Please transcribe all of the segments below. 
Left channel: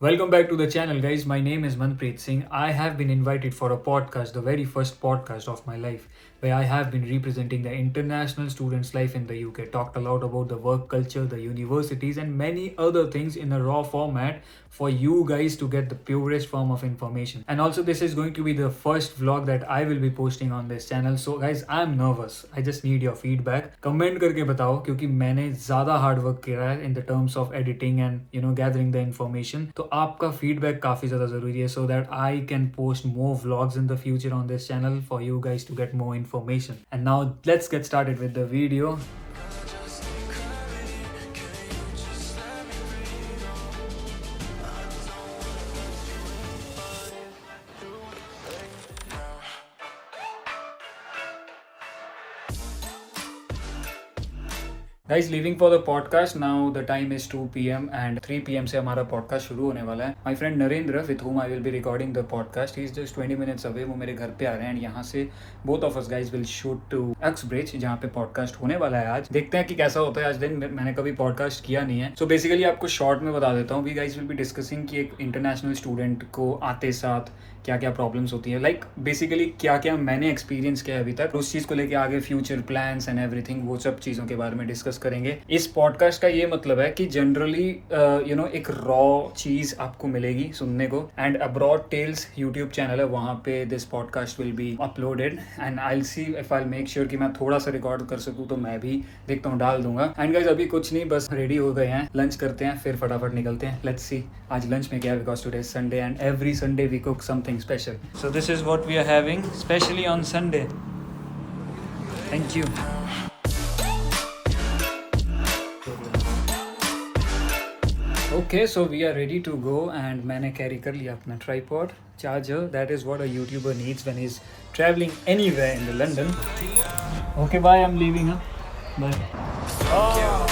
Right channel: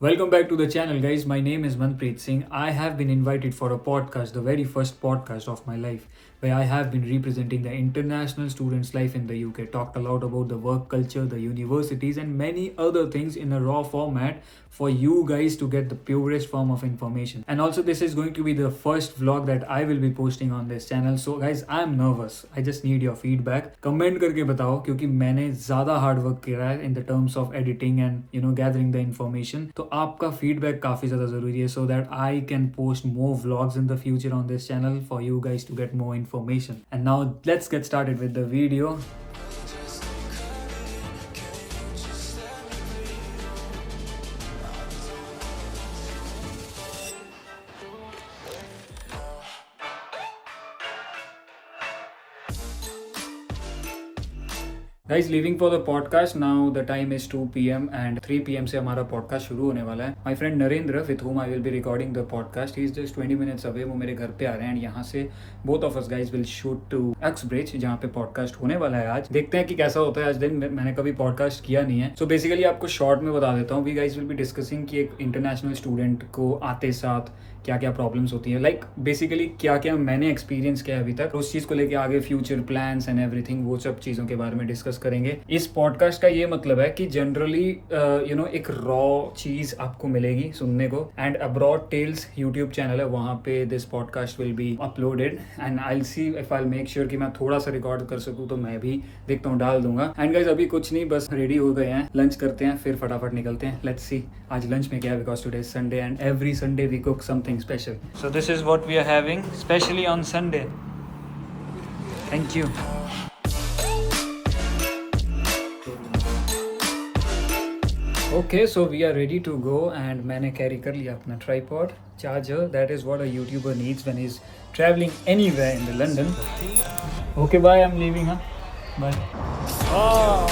Welcome back to the channel, guys. My name is Manpreet Singh. I have been invited for a podcast, the very first podcast of my life, where I have been representing the international students' life in the UK. Talked a lot about the work culture, the universities, and many other things in a raw format for you guys to get the purest form of information. And also, this is going to be the first vlog that I will be posting on this channel. So, guys, I'm nervous. I just need your feedback. Comment करके बताओ क्योंकि मैंने ज़्यादा hard work किया है in the terms of editing and gathering the information. तो आपका feedback काफ़ी ज़्यादा ज़रूरी है so that I can post more vlogs in the future on this channel for you guys to get more information. And now let's get started with the video. Guys, leaving for the podcast now. The time is 2 p.m. and 3 p.m. से हमारा podcast शुरू होने वाला है. My friend Narendra, with whom I will be recording the podcast, he is just 20 minutes away. वो मेरे घर पे आ रहे हैं and यहाँ से both of us guys will shoot to Uxbridge जहाँ पे podcast होने वाला है आज. देखते हैं कि कैसा होता है आज दिन. मैंने कभी podcast किया नहीं है. So basically आपको short में बता देता हूँ. We guys will be discussing कि एक international student को आते साथ क्या क्या प्रॉब्लम्स होती है, लाइक बेसिकली क्या क्या मैंने एक्सपीरियंस किया अभी तक, उस चीज़ को लेके आगे फ्यूचर प्लान्स एंड एवरीथिंग, वो सब चीज़ों के बारे में डिस्कस करेंगे. इस पॉडकास्ट का ये मतलब है कि जनरली एक रॉ चीज़ आपको मिलेगी सुनने को. And Abroad Tales YouTube channel है, वहाँ पे this podcast will be uploaded and I see if I make sure कि मैं थोड़ा सा रिकॉर्ड कर सकूँ तो मैं भी देखता हूँ डाल दूंगा. एंड गाइस अभी कुछ नहीं, बस रेडी हो गए हैं, लंच करते हैं फिर फटाफट निकलते हैं. लेट्स सी आज लंच में क्या है, because today is Sunday and every Sunday we cook something special. So this is what we are having, especially on Sunday. Thank you. Okay, so we are ready to go and मैंने carry कर लिया अपना tripod, charger. That is what a YouTuber needs when he's traveling anywhere in the London. Okay, bye. I'm leaving. Bye. Oh,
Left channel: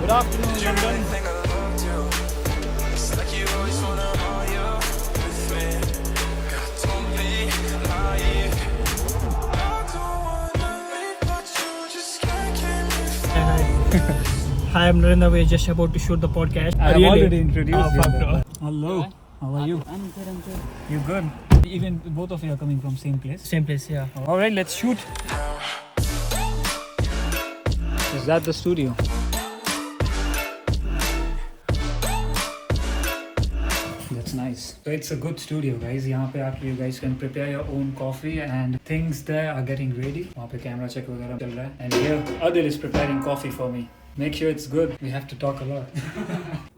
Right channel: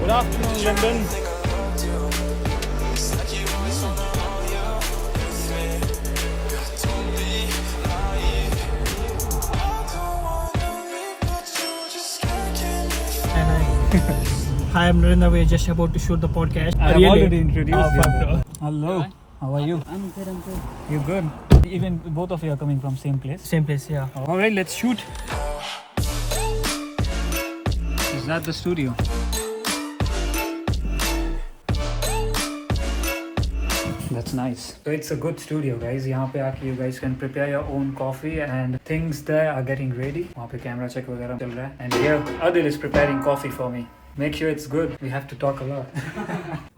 good afternoon, London. Hi, I'm Narendra. We're just about to shoot the podcast. I have already introduced you. Hello. How are you? I'm good. You good? Even both of you are coming from same place. Same place, yeah. All right, let's shoot. Is that the studio? That's nice. So it's a good studio, guys. यहाँ पे आके you guys can prepare your own coffee and things there are getting ready. वहाँ पे camera check वगैरह चल रहा है. And here Adil is preparing coffee for me. Make sure it's good. We have to talk a lot.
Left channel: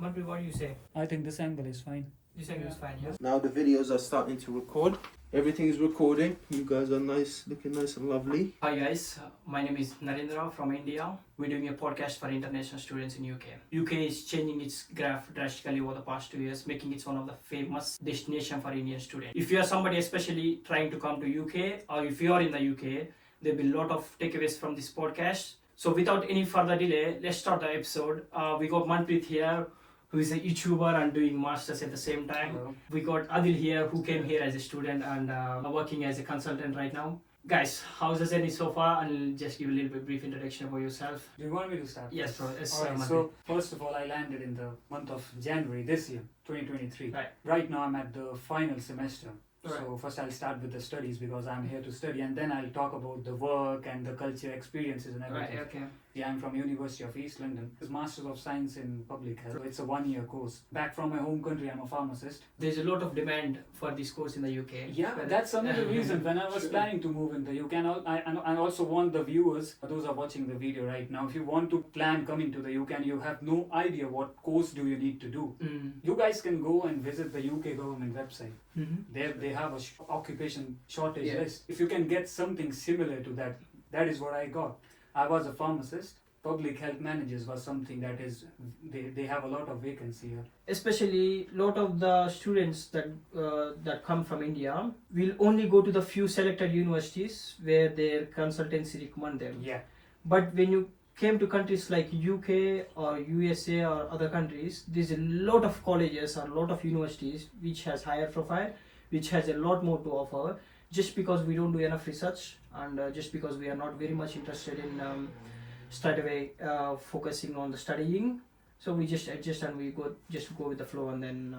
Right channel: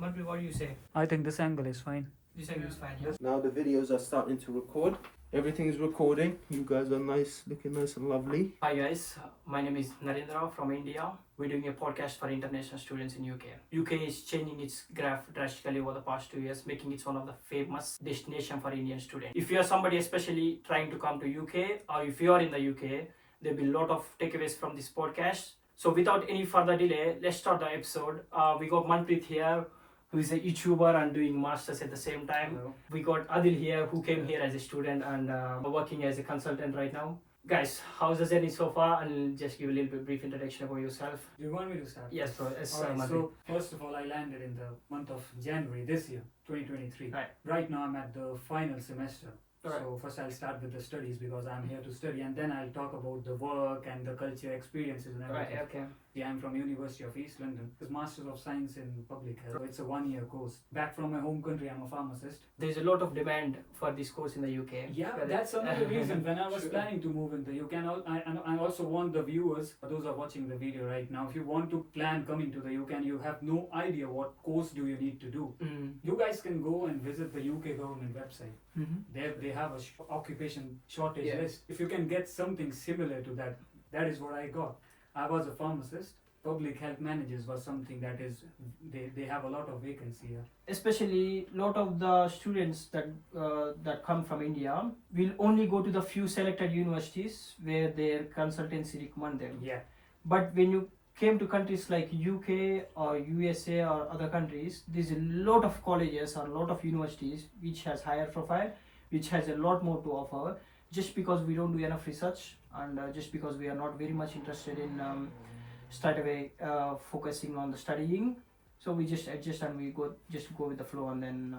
Manpreet, what do you say? I think this angle is fine. This angle is fine, yes? Now the videos are starting to record. Everything is recording. You guys are nice, looking nice and lovely. Hi guys, my name is Narendra from India. We're doing a podcast for international students in UK. UK is changing its graph drastically over the past 2 years, making it one of the famous destination for Indian students. If you are somebody especially trying to come to UK, or if you are in the UK, there'll be a lot of takeaways from this podcast. So without any further delay, let's start the episode. We got Manpreet here, who is a YouTuber and doing masters at the same time. Hello. We got Adil here, who came here as a student and working as a consultant right now. Guys, how's the journey so far? I'll just give a little bit brief introduction about yourself. Do you want me to start? Yes, bro. Yes, Alright, Manpreet. so first of all, I landed in the month of January this year, 2023. Right now, I'm at the final semester. Alright. So first I'll start with the studies because I'm here to study, and then I'll talk about the work and the culture experiences and everything. Right, okay. Yeah, I'm from University of East London. It's Masters of Science in Public Health. It's a 1-year course. Back from my home country, I'm a pharmacist. There's a lot of demand for this course in the UK. Yeah, that's another reason. When I was planning to move in the UK, and I also want the viewers, those are watching the video right now, if you want to plan coming to the UK and you have no idea what course do you need to do, you guys can go and visit the UK government website. They have a occupation shortage list. If you can get something similar to that, that is what I got. I was a pharmacist. Public health managers was something that is, they have a lot of vacancy here. Especially lot of the students that come from India will only go to the few selected universities where their consultancy recommend them. Yeah. But when you came to countries like UK or USA or other countries, there's a lot of colleges or a lot of universities which has higher profile, which has a lot more to offer, just because we don't do enough research and just because we are not very much interested in straight away focusing on the studying. So we just adjust and we go with the flow, and then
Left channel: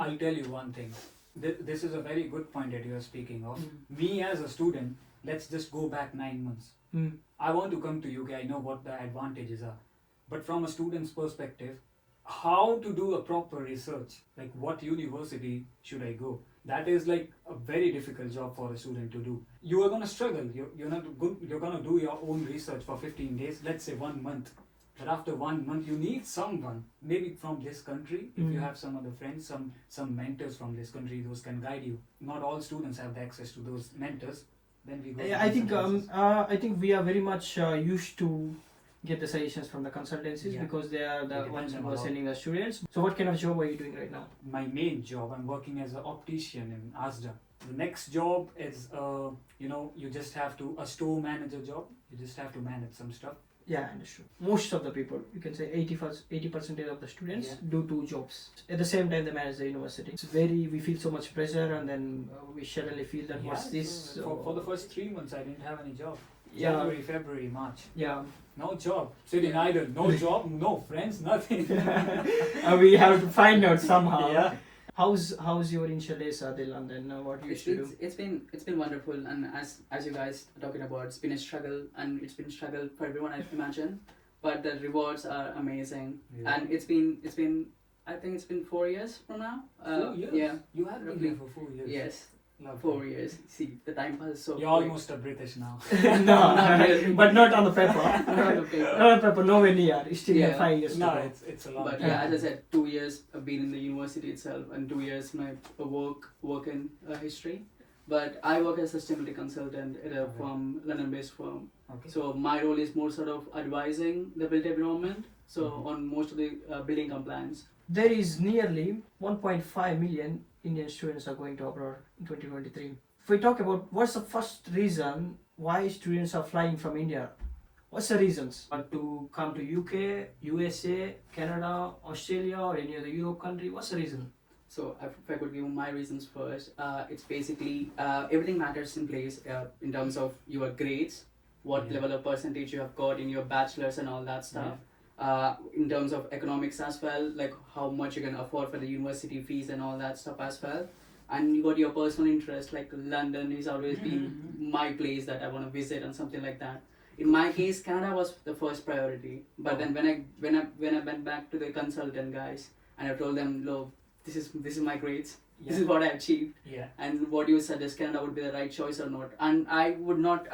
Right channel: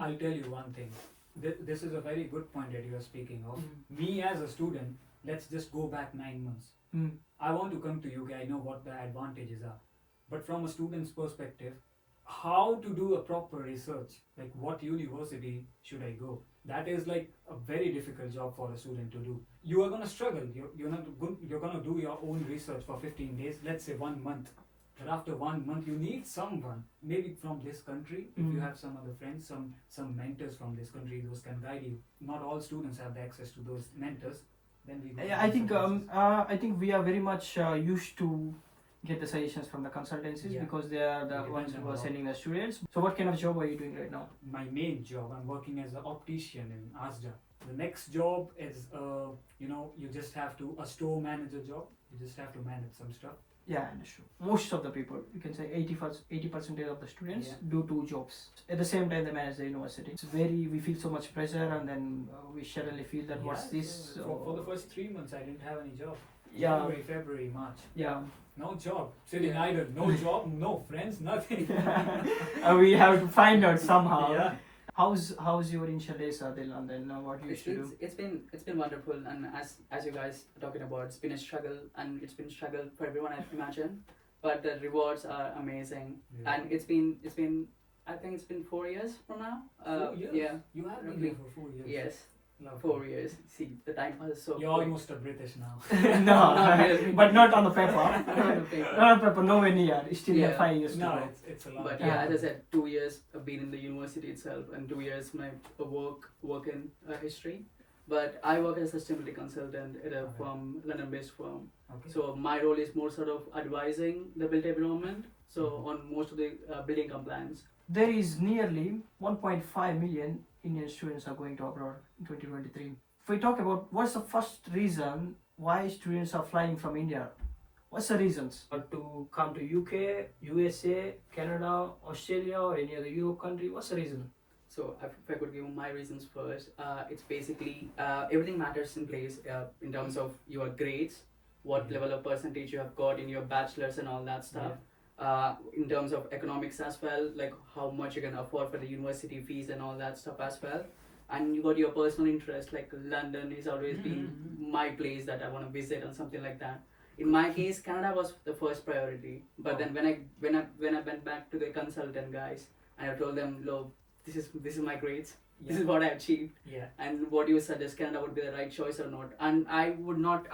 I'll tell you one thing. This is a very good point that you are speaking of. Mm. Me as a student, let's just go back 9 months. Mm. I want to come to UK. I know what the advantages are, but from a student's perspective, how to do a proper research, like what university should I go? That is like a very difficult job for a student to do. You are gonna struggle. You're not good. You're gonna do your own research for 15 days. Let's say 1 month. But after 1 month, you need someone, maybe from this country. If you Mm. have some other friends, some mentors from this country, those can guide you. Not all students have the access to those mentors. Then we go. Yeah, to I think different I think we are very much used to get the suggestions from the consultancies Yeah. because they are the They depend ones on who a are lot. sending us students. So what kind of job are you doing right now? My main job, I'm working as an optician in Asda. The next job is, you just have to, a store manager job. You just have to manage some stuff. Yeah, understood. Most of the people, you can say 80% of the students Yeah. do 2 jobs. At the same time, they manage the university. It's we feel so much pressure, and then we suddenly feel that what's Yeah, this? so for the first 3 months, I didn't have any job. Yeah. January, February, March. Yeah. No job. Sitting idle. No job, no friends, nothing. We have to find out somehow. Yeah. How's your initial days, Adil, and then what you used to do? It's been wonderful, and as you guys are talking about, it's been a struggle, and it's been a struggle for everyone, I imagine. But the rewards are amazing, Yeah. and it's been I think it's been 4 years from now. 4 years? Yeah. You have been Roughly. here for 4 years. Yes, Lovely. 4 years. See, the time passes so You're quick. almost a British now. No, Not really. but not on the paper. Not on the paper. Not on paper, nowhere near. You still have Yeah. 5 years to No, go. it's a lot. But yeah, as I said, 2 years I've been in the university itself, and 2 years my work in history. But I work as a sustainability consultant at a Okay. firm, London-based firm. Okay. So my role is more sort of advising the built environment. So Mhm. on most of the building compliance. There is nearly 1.5 million Indian students are going to abroad in 2023. If we talk about what's the first reason why students are flying from India, what's the reasons to come to UK, USA, Canada, Australia, or any other Europe country? What's the reason? So if I could give my reasons first, it's basically everything matters in place in terms of your grades, what Yeah. level of percentage you have got in your bachelor's and all that stuff. In terms of economics as well, like how much you can afford for the university fees and all that stuff as well. And you got your personal interest, like London has always been my place that I want to visit and something like that. In my case, Canada was the first priority. But then when I went back to the consultant guys and I told them, look, this is my grades, this is what I achieved, Yeah. and what you suggest, Canada would be the right choice or not. And I would not.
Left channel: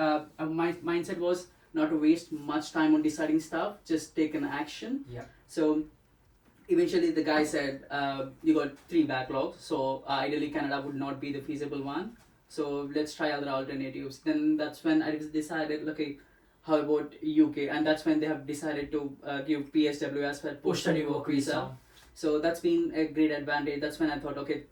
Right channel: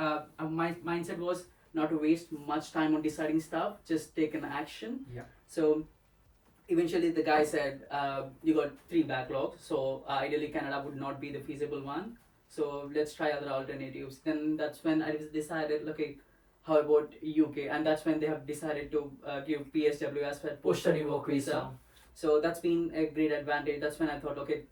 My mindset was not to waste much time on deciding stuff, just take an action. Yeah. So eventually the guy said, you got 3 backlogs, so ideally Canada would not be the feasible one. So let's try other alternatives. Then that's when I decided, okay, how about UK? And that's when they have decided to give PSW as well, post-study work visa. So that's been a great advantage. That's when I thought, okay,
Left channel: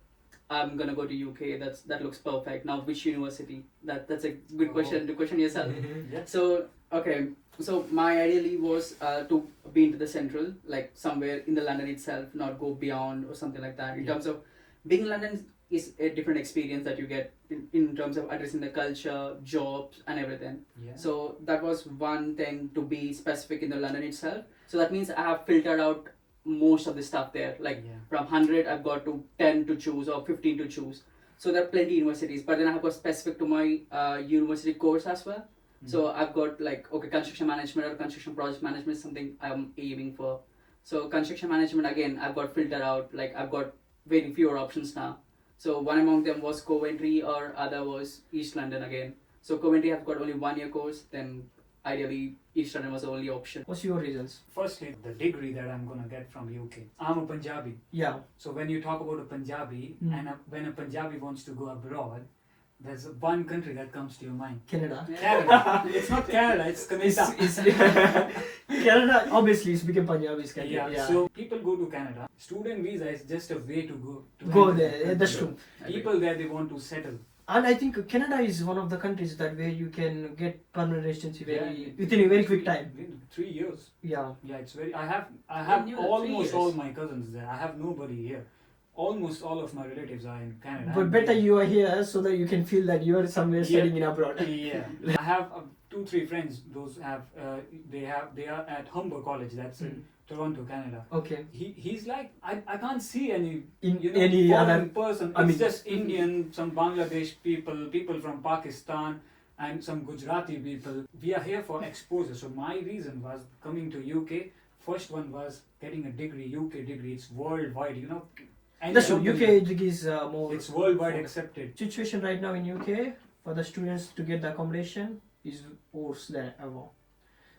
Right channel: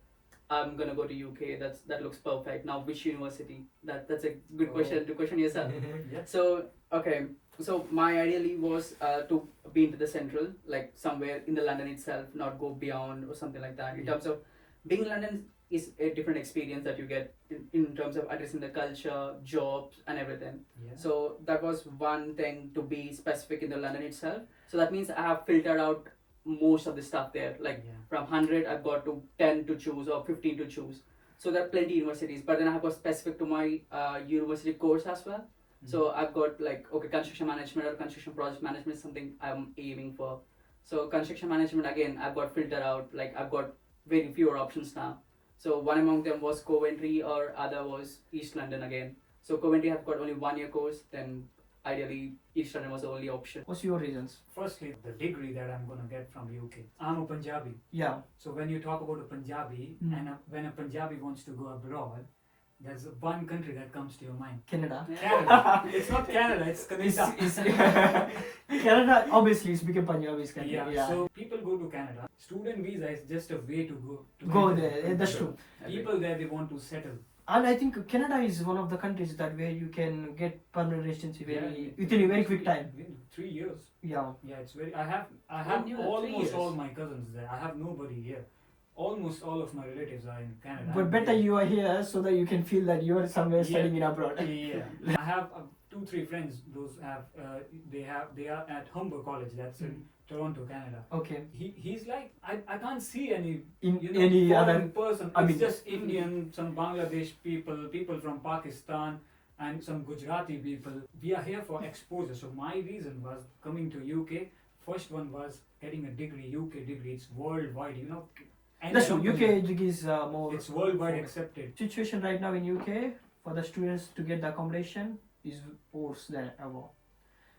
I'm gonna go to UK. That looks perfect. Now, which university? That's a good question to question yourself. Yeah. So okay, so my ideally was to be into the central, like somewhere in the London itself, not go beyond or something like that. In terms of being in London is a different experience that you get in terms of addressing the culture, jobs, and everything. Yeah. So that was one thing, to be specific in the London itself. So that means I have filtered out most of the stuff there. Like Yeah. from 100, I've got to 10 to choose or 15 to choose. So there are plenty of universities, but then I've got specific to my university course as well. So I've got like, okay, construction management or construction project management is something I'm aiming for. So construction management, again, I've got filtered out. Like I've got very fewer options now. So one among them was Coventry, or other was East London again. So Coventry, I've got only 1 year course. Then ideally East London was the only option. What's your reasons? Firstly, the degree that I'm gonna get from UK. I'm a Punjabi. Yeah. So when you talk about a Punjabi, and when a Punjabi wants to go abroad, there's one country that comes to your mind. Canada. Canada. It's not Canada, it's Canada. Canada, obviously, it's become Punjabi's country. Yeah. So people go to Canada. Student visa is just a way to go. Go enter there. the That's country. true. People there, they want to settle. And I think Canada is one of the countries that where you can get permanent residency Yeah, within a very quick time. Within 3 years. Yeah. Yeah, it's very. I have you, 3 almost years? all my cousins there. I have nobody here. Almost all of my relatives are in Canada. But better you are here so that you can feel that you are somewhere Yeah. studying in abroad. Yeah. I have 2-3 friends. Those have they are at Humber College. That's in Toronto, Canada. Okay. He's like, I can't see any Any foreign other person. I It's mean- just Indian, some Bangladesh people from Pakistan, and some Gujarati people. We are here for exposure. So my reason was coming to UK. First one was getting a degree, UK degree. It's worldwide, And That's true. UK degree is more. It's worldwide accepted. Situation right now in UK for the students to get the accommodation is worse than ever.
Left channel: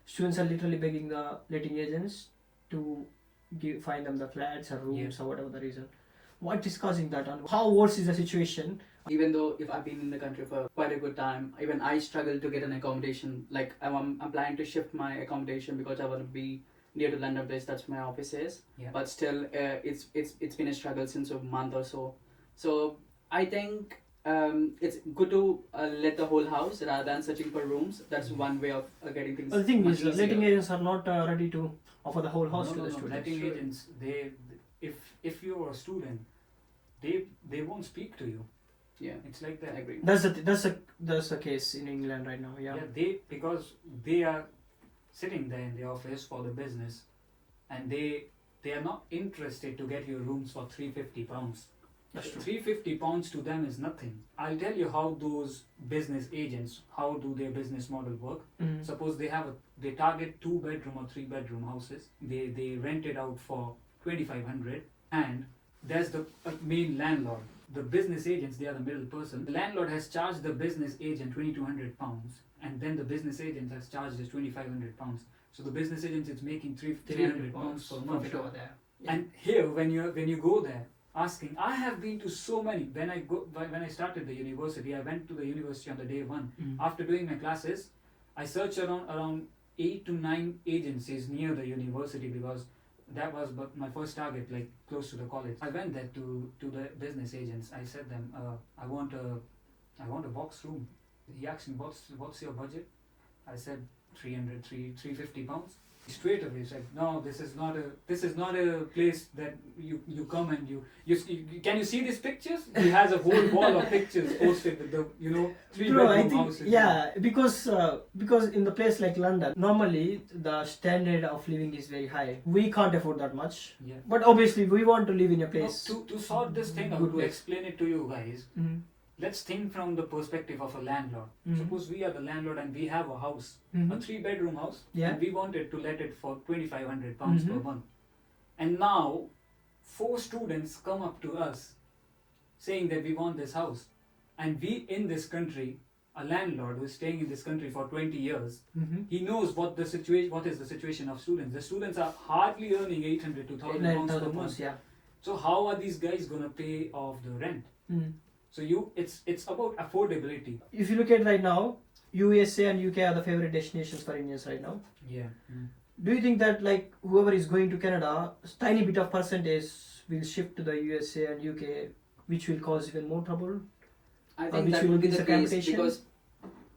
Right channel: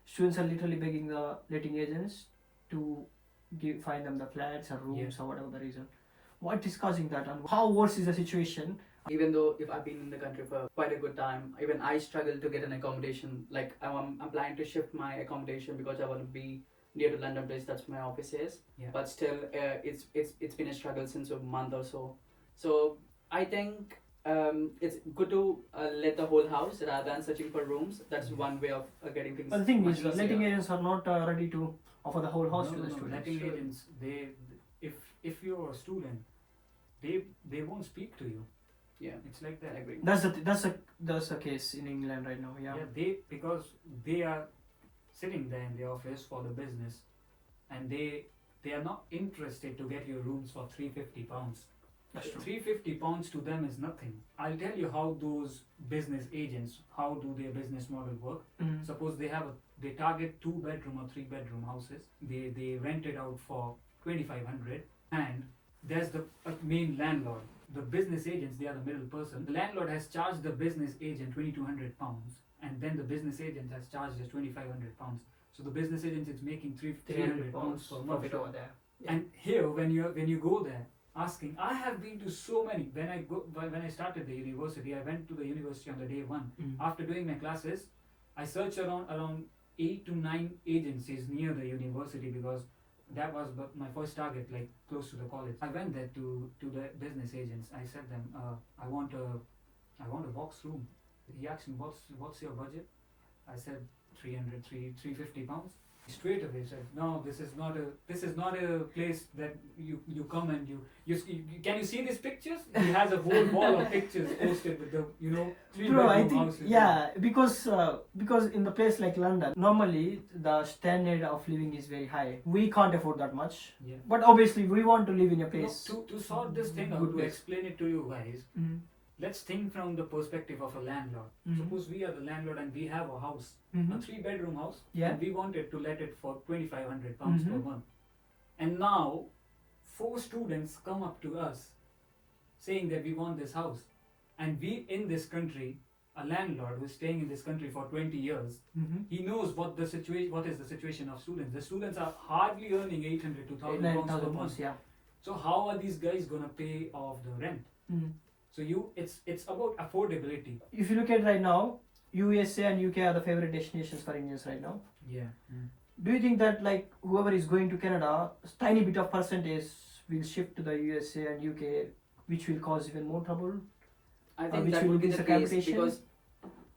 Students are literally begging the letting agents to find them the flats or rooms or whatever the reason. What is causing that, and how worse is the situation? Even though if I've been in the country for quite a good time, even I struggle to get an accommodation. Like I'm planning to shift my accommodation because I want to be near to London place. That's where my office is. Yeah. But still, it's been a struggle since a month or so. So I think it's good to let the whole house rather than searching for rooms. That's one way of getting things. Well, the thing much is, easier. letting agents are not ready to offer the whole house to the No. students. Letting agents, if you're a student, they won't speak to you. Yeah, It's like that. I agree. That's the case in England right now. Yeah. Because they are sitting there in the office for the business, and they are not interested to get your rooms for £350. That's true. £350 to them is nothing. I'll tell you how those business agents, how do their business model work. Mhm. Suppose they target 2-bedroom or 3-bedroom houses. They rent it out for 2,500, and there's the main landlord. The business agents, they are the middle person. The landlord has charged the business agent £2,200, and then the business agent has charged us £2,500. So the business agent is making £300 per month. Profit over there. And here, when you go there, asking, I have been to so many. When I started the university, I went to the university on the day one. Mhm. After doing my classes, I searched around 8 to 9 agencies near the university because that was my first target, like close to the college. I went there to the business agents. I said them, I want a box room. He asked me, what's your budget? I said £350. Straight away said, no, this is not a place that you come and you can you see these pictures? He has a whole wall of pictures posted with the 3-bedroom Bro, I think houses. because in the place like London, normally the standard of living is very high. We can't afford that much, Yeah. but obviously we want to live in a No, place. to sort this thing out, Good to place. explain it to you guys, Mhm. let's think from the perspective of a landlord. Mhm. Suppose we are the landlord and we have a house, a Mhm. 3-bedroom house, Yeah. and we wanted to let it for £2,500 per Mhm. month. And now, 4 students come up to us saying that we want this house. And we in this country, a landlord who's staying in this country for 20 years, Mhm. he knows what is the situation of students. The students are hardly earning 800 to £1,000 per 9,000 month. pounds, yeah. So how are these guys gonna pay off the rent? Mhm. So it's about affordability. If you look at right now, USA and UK are the favorite destinations for Indians right now. Yeah. Do you think that like whoever is going to Canada, tiny bit of percentage will shift to the USA and UK, which will cause even more trouble? I Or think which that will would be increase the the case competition? because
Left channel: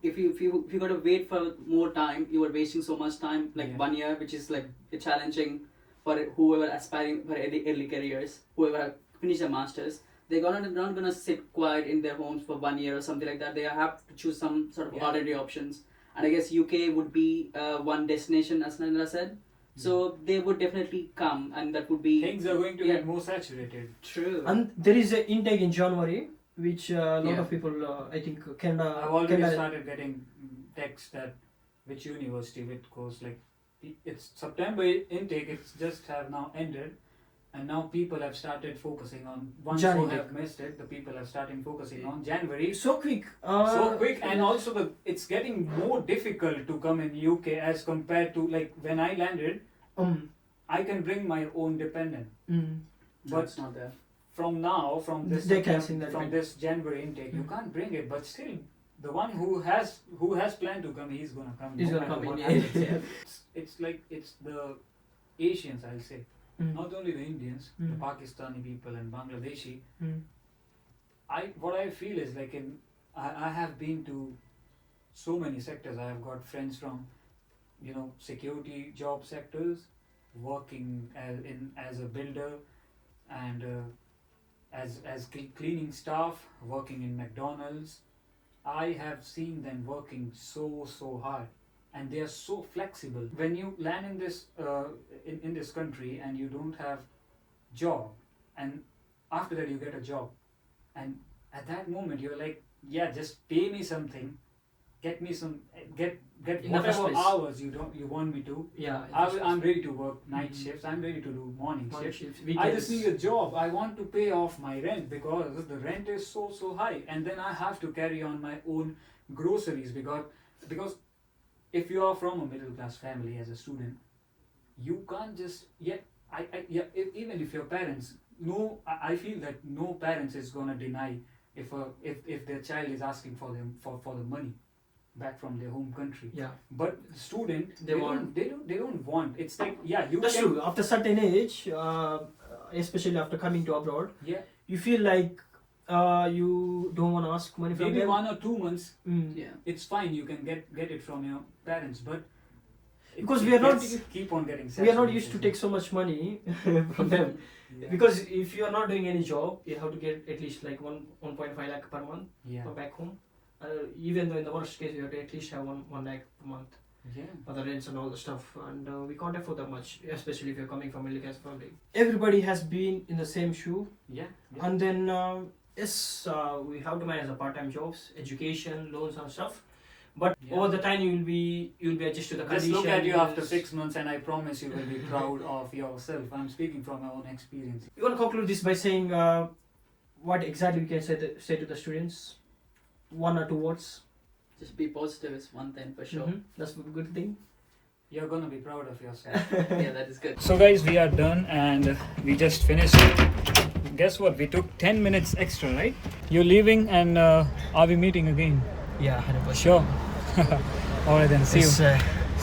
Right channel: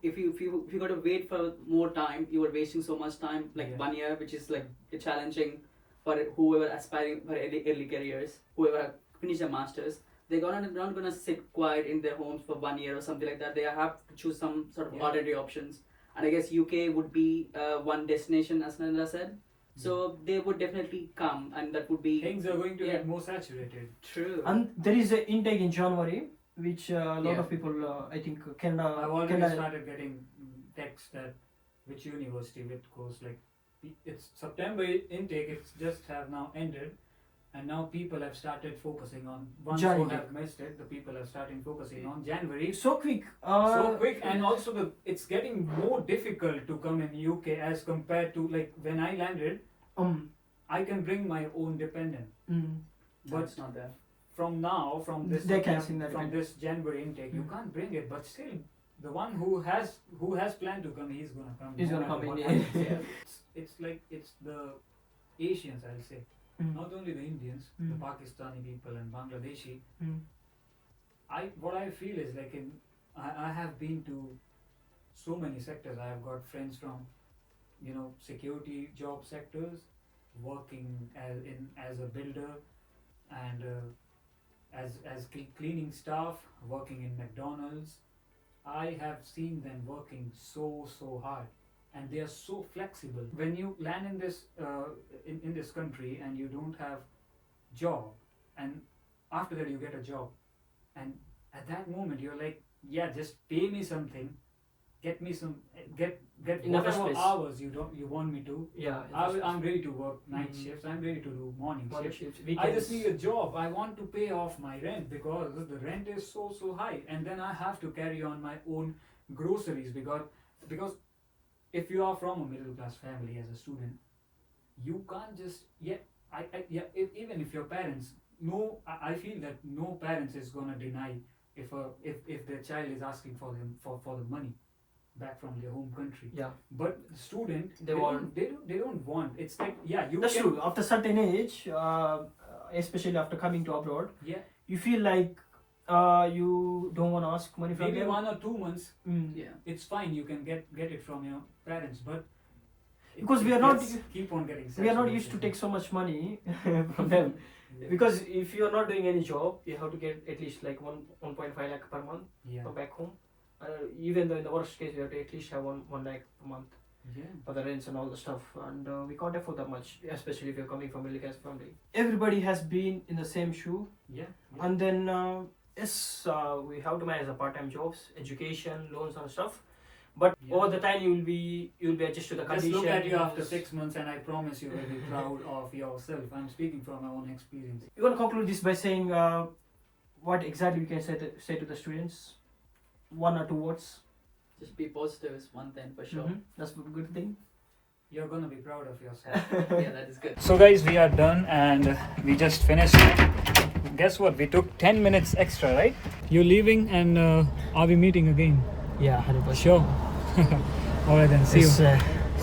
if you got to wait for more time, you are wasting so much time, like Yeah. 1 year, which is like challenging for whoever aspiring for early careers, whoever finish their masters. They're not gonna sit quiet in their homes for 1 year or something like that. They have to choose some sort of Yeah. alternative options. And I guess UK would be one destination, as Nandra said. So they would definitely come, and that would be Things are going to Yeah. get more saturated. true. And there is an intake in January, which a lot Yeah. of people, I think, Canada. I've already Canada started getting texts that which university, which course. Like it's September intake. It's just have now ended, and now people have started focusing on ones Jan who intake. have missed it. The people are starting focusing on January. so quick. So quick, and also it's getting more difficult to come in UK as compared to like when I landed. I can bring my own dependent, But but it's not there. from now, from this They're cancelling that from event. this January intake, you Mm. can't bring it. But still, the one who has planned to come, he's gonna come. He's no gonna matter come what in, happens. yeah. It's like it's the Asians, I'll say, not only the Indians, the Mm. Pakistani people and Bangladeshi. Mm. What I feel is like I have been to so many sectors. I have got friends from security job sectors, working as a builder, and as cleaning staff, working in McDonald's. I have seen them working so hard, and they are so flexible. When you land in this in this country and you don't have job, and after that you get a job, and at that moment you're like, yeah, just pay me something, get me some, get In the first whatever place. hours you want me to. Yeah. I'm ready to work night Mhm. shifts. I'm ready to do morning shifts. Shifts, I weekends. just need a job. I want to pay off my rent because the rent is so high, and then I have to carry on my own groceries because if you are from a middle class family as a student, you can't just even if your parents, no, I feel that no parents is gonna deny if their child is asking for them for the money back from their home country. Yeah. But student, They want- they don't want. It's like, yeah, you That's can, true. After certain age, especially after coming to abroad, yeah, you feel like you don't want to ask money from maybe them. 1 or 2 months Yeah. it's fine, you can get it from your parents, but Because we are not- keep on getting We are not used to saturated. take so much money from them. Yeah. Because if you are not doing any job, you have to get at least like 1.5 lakh per month yeah from back home. Even though in the worst case, you have to at least have 1 lakh per month yeah for the rents and all the stuff. And we can't afford that much, especially if you're coming from a middle class family. Everybody has been in the same shoe. yeah And then, yes, we have to manage the part-time jobs, education, loans and stuff. But Yeah. over the time, you'll be adjusted to the Just conditions. look at you after 6 months and I promise you will be proud of yourself. I'm speaking from my own experience. You want to conclude this by saying what exactly we can say to the students? 1 or 2 words. Just be positive is one thing for sure. Mhm. That's a good thing. You're gonna be proud of yourself. Yeah, that is good. So guys, we are done and we just finished. Guess what? We took 10 minutes extra, right? You're leaving and are we meeting again? Yeah, 100%. Sure. Alright then, see you.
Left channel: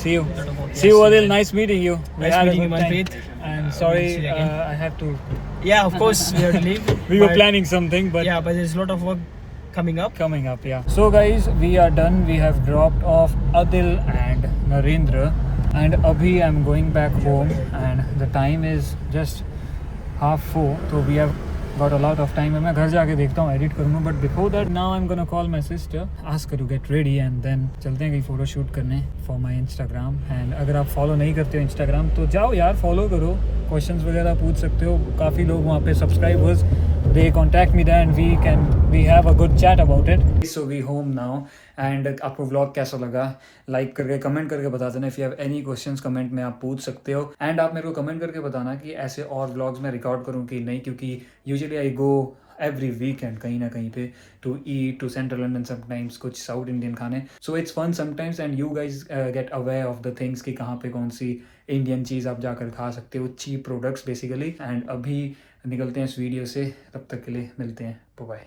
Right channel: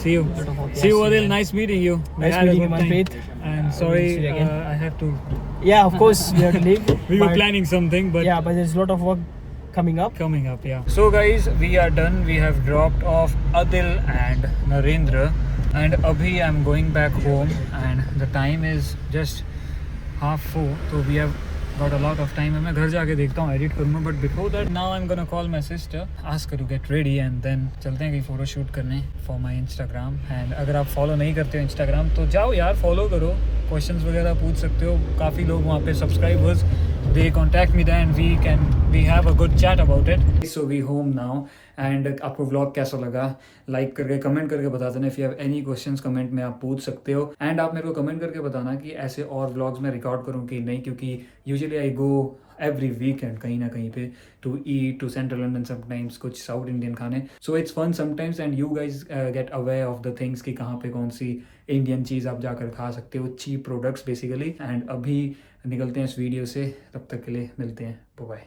See you. Yes, See you, Adil. Nice meeting you. We Nice had a meeting you, good time. Manpreet. And we'll sorry, see you again. I have to. Yeah, of course, we have to leave. We were But- planning something, but Yeah, but there's a lot of work coming up. coming up, yeah. So guys, we are done. We have dropped off Adil and Narendra, and abhi I'm going back home, and the time is just 3:30. So we have got a lot of time. मैं घर जाके देखता हूँ, edit करूँगा. But before that, now I'm gonna call my sister, ask her to get ready, and then चलते हैं कहीं photo shoot करने for my Instagram. And अगर आप follow नहीं करते हो Instagram, तो जाओ यार, follow करो. Questions वगैरह पूछ सकते हो. काफ़ी लोग वहाँ पे subscribers, they contact me there and we have a good chat about it. So we home now, and आपको vlog कैसा लगा, लाइक करके कमेंट करके बता देना. If you have any questions comment में आप पूछ सकते हो, एंड आप मेरे को कमेंट करके बताना कि ऐसे और व्लॉग्स में रिकॉर्ड करूँ कि नहीं, क्योंकि usually I go every weekend कहीं ना कहीं पे to eat to central London, sometimes कुछ साउथ इंडियन खाने. So it's fun sometimes and you guys get aware of the things कि कहाँ पे कौन सी इंडियन चीज़ आप जाकर खा सकते हो, चीप प्रोडक्ट्स बेसिकली. एंड अभी निकलते हैं इस वीडियो से, तब तक के लिए मिलते हैं, बाय.